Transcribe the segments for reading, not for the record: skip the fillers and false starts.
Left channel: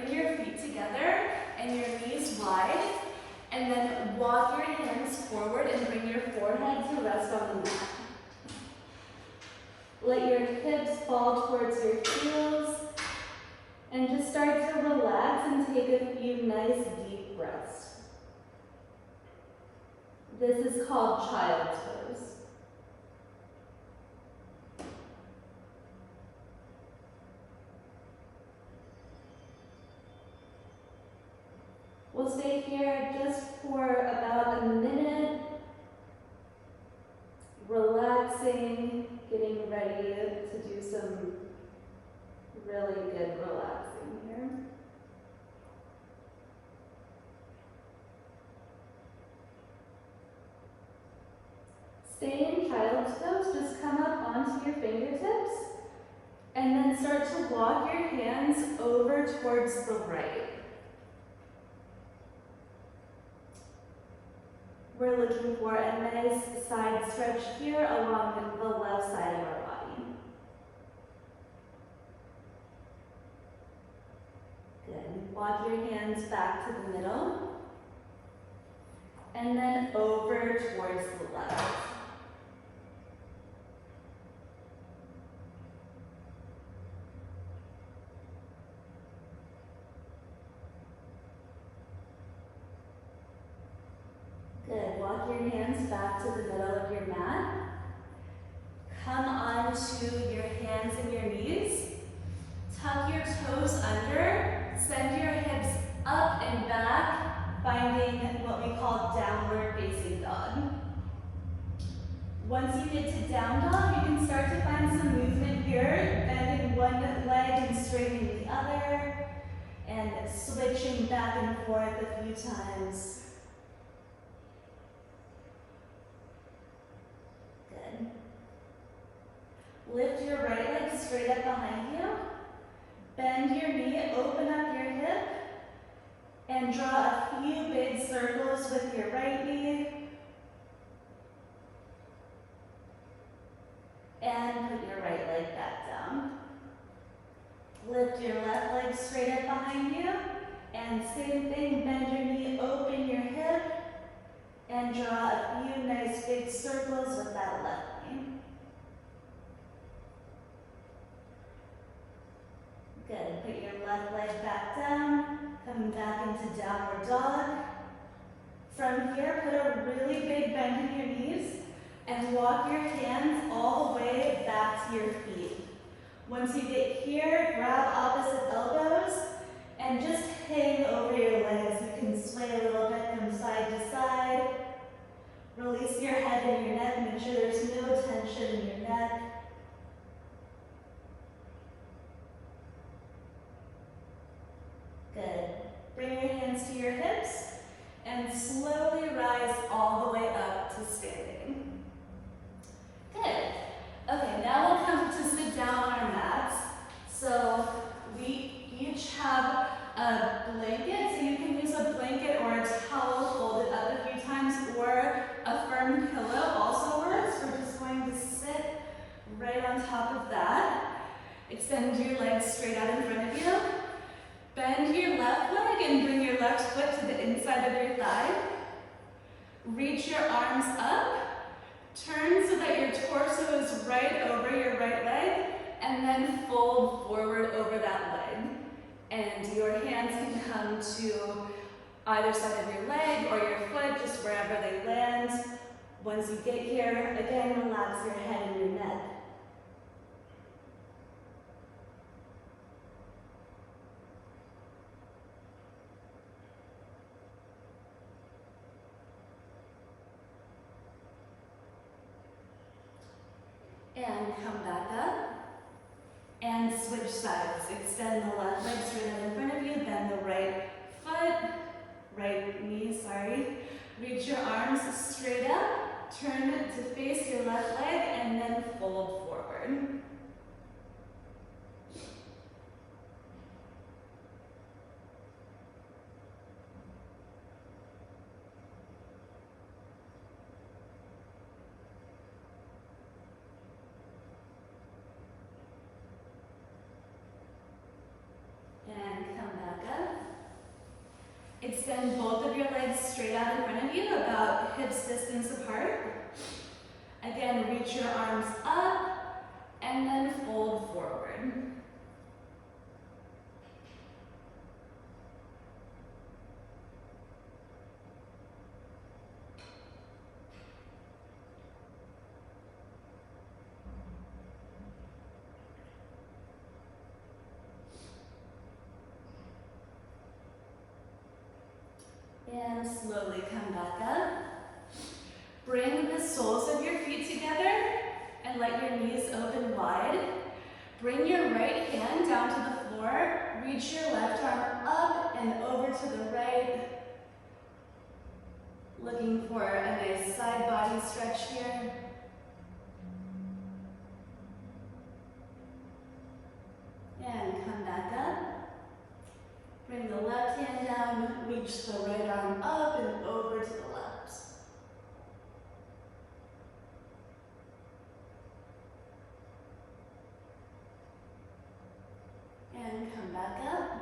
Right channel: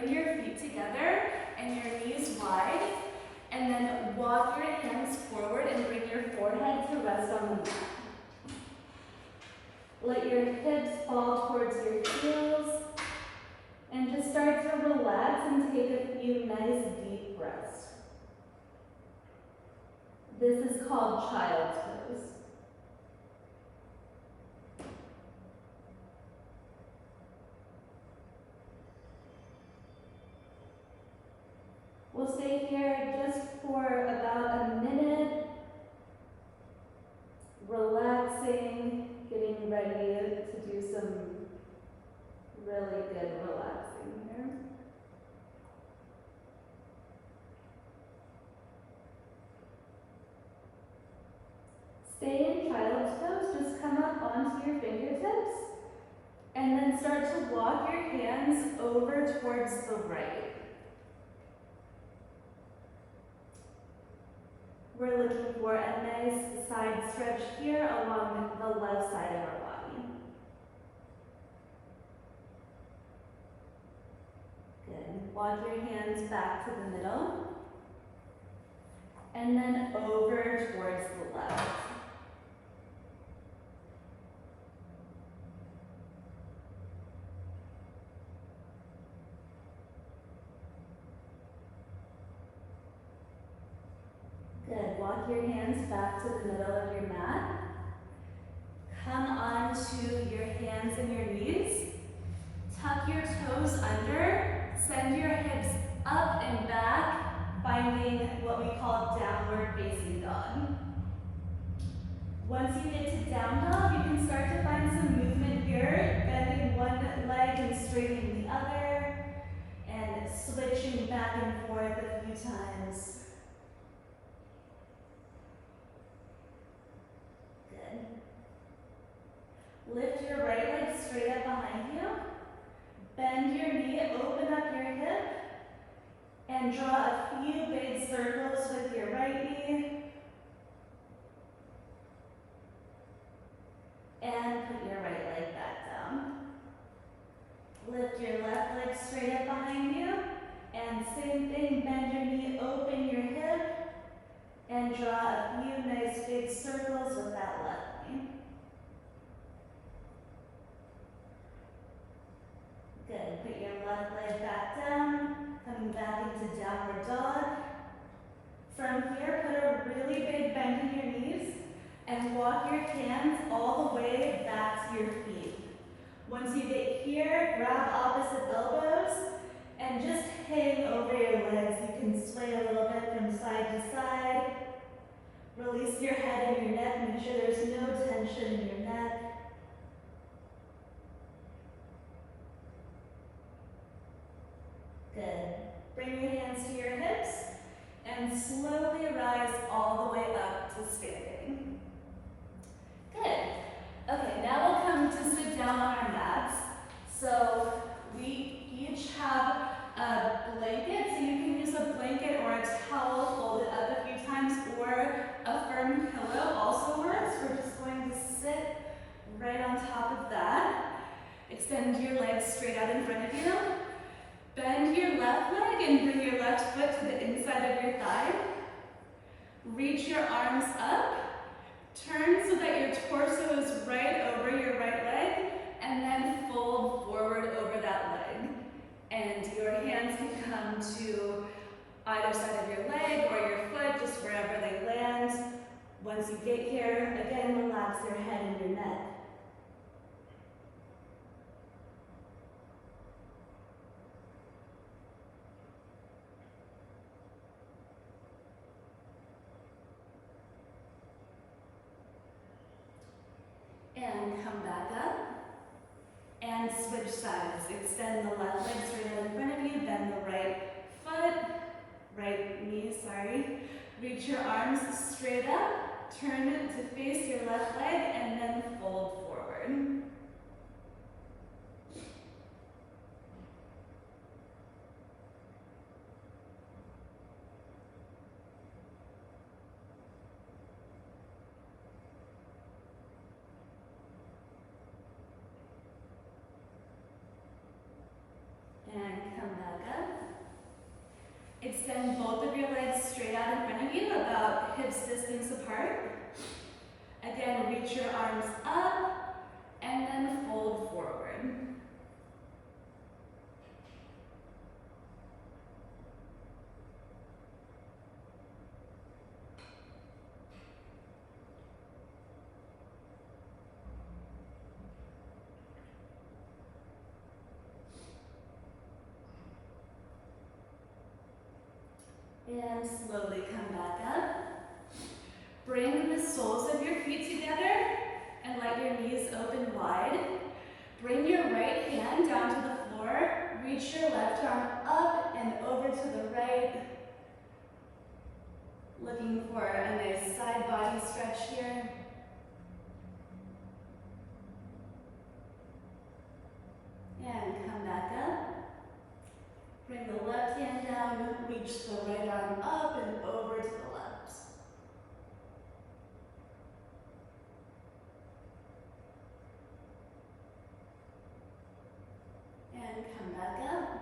bring your feet together and your knees wide, and then walk your hands forward and bring your forehead to rest on the mat. Let your hips fall towards your heels, and just start to relax and take a few nice deep breaths. This is called child's pose. We'll stay here just for about a minute, relaxing, getting ready to do some really good relaxing here. Stay in child's pose, just come up onto your fingertips, and then start to walk your hands over towards the right. We're looking for a nice side stretch here along the left side of our body. Good. Walk your hands back to the middle, and then over towards the left. Good. Walk your hands back to the middle of your mat. Come onto your hands and your knees. Tuck your toes under. Send your hips up and back, finding what we call downward facing dog. Once you get to down dog, you can start to find some movement here, bending one leg and straightening the other, and switching back and forth a few times. Lift your right leg straight up behind you. Bend your knee, open up your hip, and draw a few big circles with your right knee. And put your right leg back down. Lift your left leg straight up behind you. And same thing, bend your knee, open your hip, and draw a few nice big circles with that left knee. Good. Put your left leg back down, coming back into downward dog. From here, put a really big bend in your knees and walk your hands all the way back to your feet. Once you get here, grab opposite elbows and just hang over your legs. You can sway a little bit from side to side. Release your head and your neck. Make sure there's no tension in your neck. Good. Bring your hands to your hips and slowly rise all the way up to standing. Good. Okay, now we'll come to sit down on our mats. So we each have a blanket, so you can use a blanket or a towel folded up a few times, or a firm pillow also works. We're just going to sit right on top of that. Extend your legs straight out in front of you. Bend your left leg and bring your left foot to the inside of your thigh. Reach your arms up. Turn so that your torso is right over your right leg, and then fold forward over that leg. And your hands can come to either side of your leg or your foot, just wherever they land. Once you get here, again, relax your head and your neck. And come back up. And switch sides. Extend the left leg straight out in front of you, bend the right foot, right knee, Reach your arms straight up, turn to face your left leg, and then fold forward. And come back up. about hips distance apart. Again, reach your arms up and then fold forward. And slowly come back up. Bring the soles of your feet together and let your knees open wide. Bring your right hand down to the floor. Reach your left arm up and over to the right. Looking for a nice side body stretch here. And come back up. Bring the left hand down, reach the right arm up and over to the left. And come back up.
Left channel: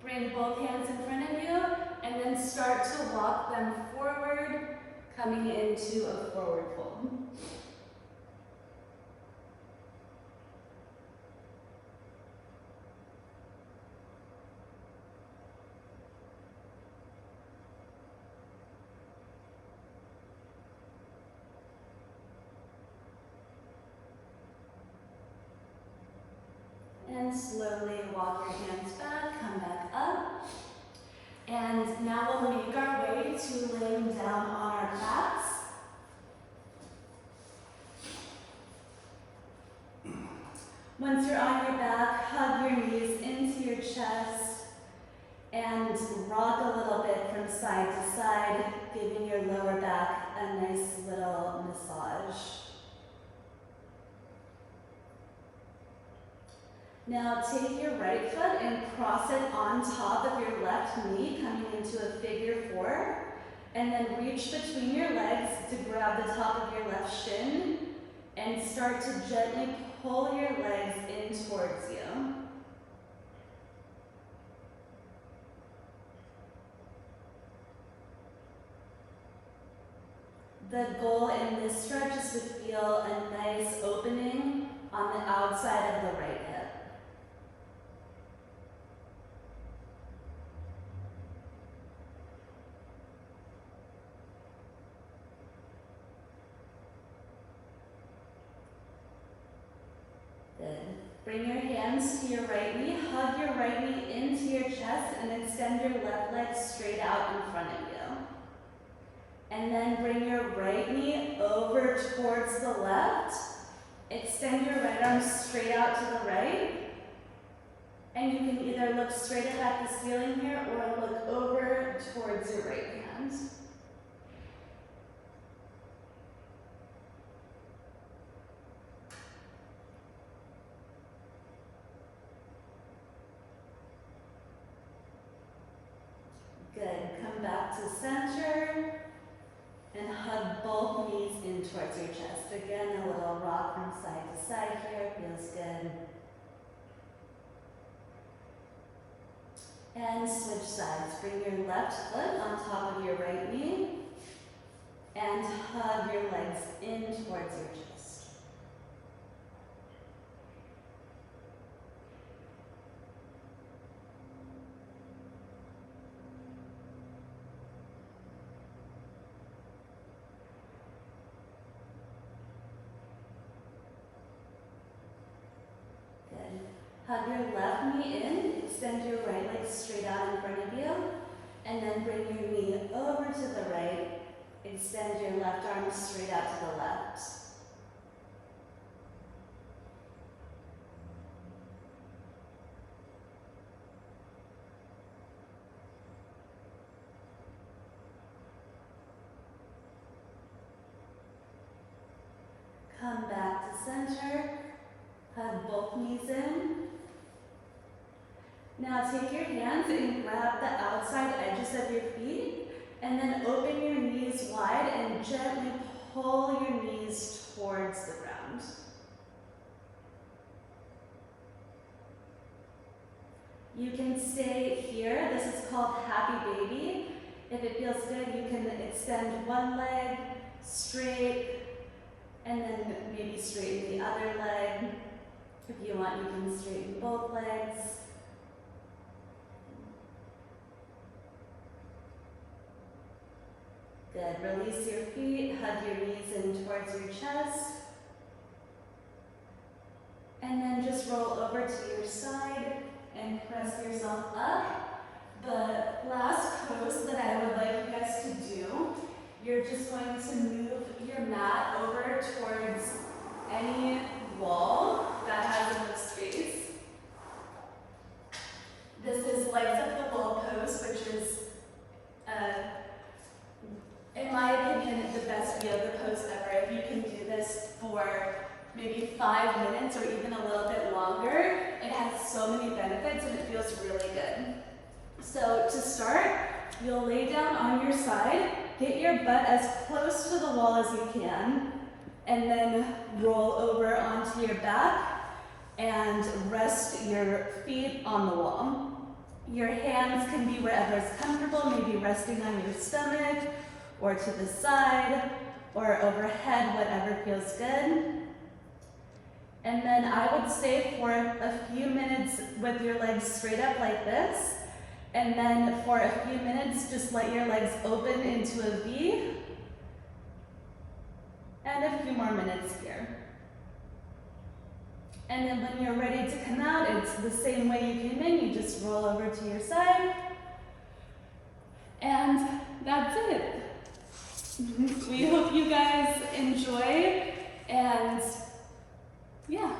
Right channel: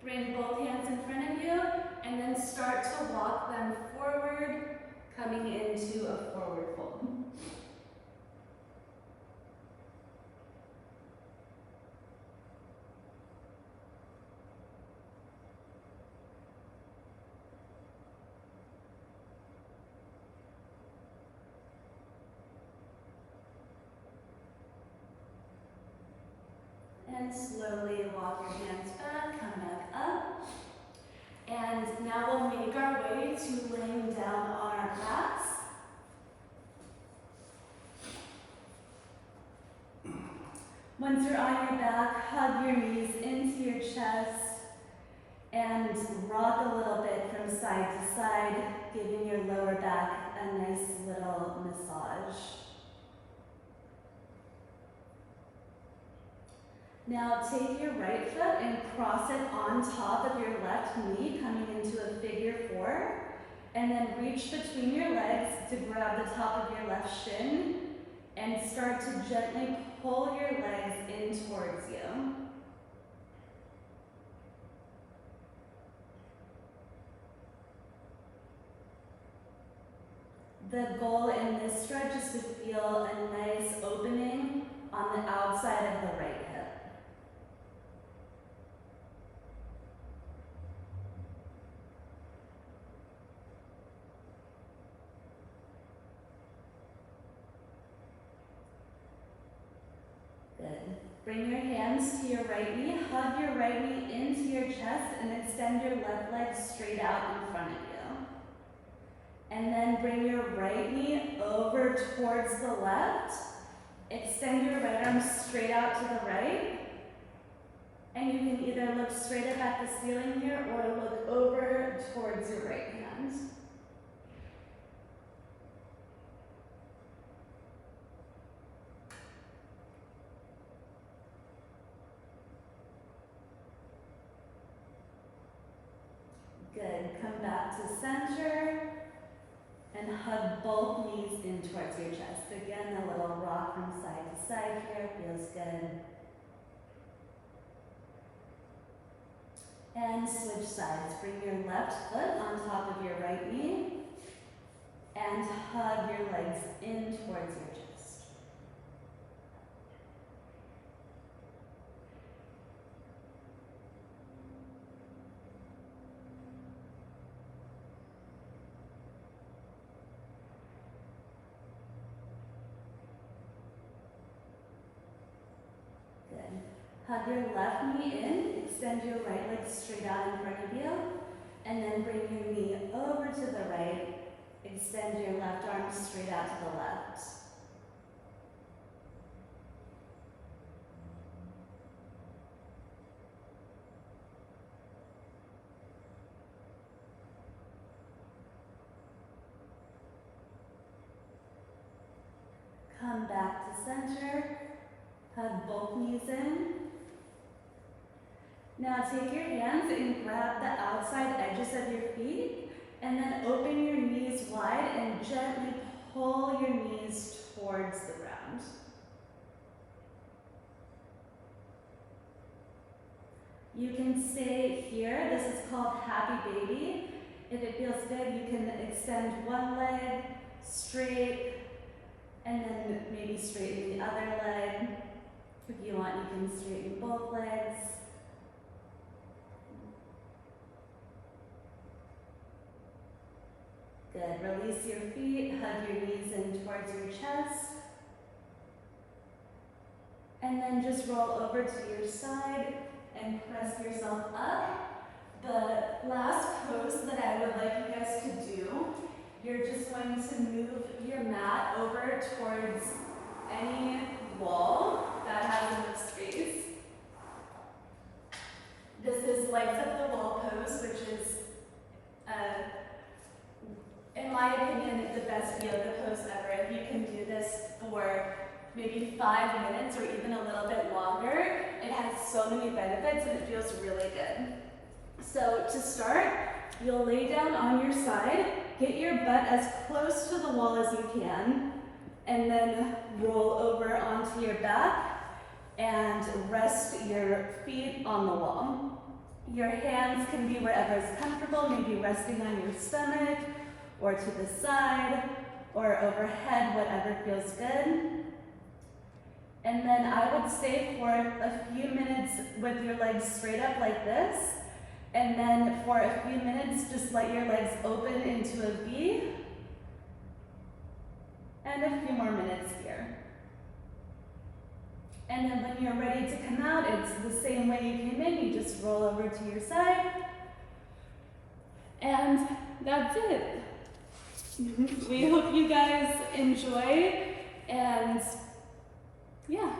Bring both hands in front of you and then start to walk them forward, coming into a forward fold. And slowly walk your hands back, come back up. And now we'll make our way to laying down on our backs. Once you're on your back, hug your knees into your chest and rock a little bit from side to side, giving your lower back a nice little massage. Now take your right foot and cross it on top of your left knee, coming into a figure four. And then reach between your legs to grab the top of your left shin and start to gently pull your legs in towards you. The goal in this stretch is to feel a nice opening on the outside of the right hip. Good. Bring your hands to your right knee, hug your right knee into your chest, and extend your left leg straight out in front of you. And then bring your right knee over towards the left. Extend your right arm straight out to the right. And you can either look straight up at the ceiling here or look over towards your right hand. Good. Come back to center and hug both knees in towards your chest. Again, a little rock from side to side here. Feels good. And switch sides. Bring your left foot on top of your right knee and hug your legs in towards your chest. Good. Hug your left knee in, extend your right leg straight out in front of you, and then bring your knee over to the right, extend your left arm straight out to the left. Come back to center. Hug both knees in. Now take your hands and grab the outside edges of your feet and then open your knees wide and gently pull your knees towards the ground. You can stay here. This is called Happy Baby. If it feels good, you can extend one leg straight and then maybe straighten the other leg. If you want, you can straighten both legs. Good. Release your feet, hug your knees in towards your chest. And then just roll over to your side and press yourself up. The last pose that I would like you guys to do, you're just going to move your mat over towards any wall that has enough space. This is legs up the wall pose, which is, in my opinion, the best yoga pose ever. If you can do this for maybe 5 minutes or even a little bit longer, it has so many benefits and it feels really good. So to start, you'll lay down on your side, get your butt as close to the wall as you can, and then roll over onto your back and rest your feet on the wall. Your hands can be wherever is comfortable, maybe resting on your stomach or to the side or overhead, whatever feels good. And then I would stay for a few minutes with your legs straight up like this. And then for a few minutes, just let your legs open into a V. And a few more minutes here. And then when you're ready to come out, it's the same way you came in. You just roll over to your side. And that's it. We hope you guys enjoy. And yeah.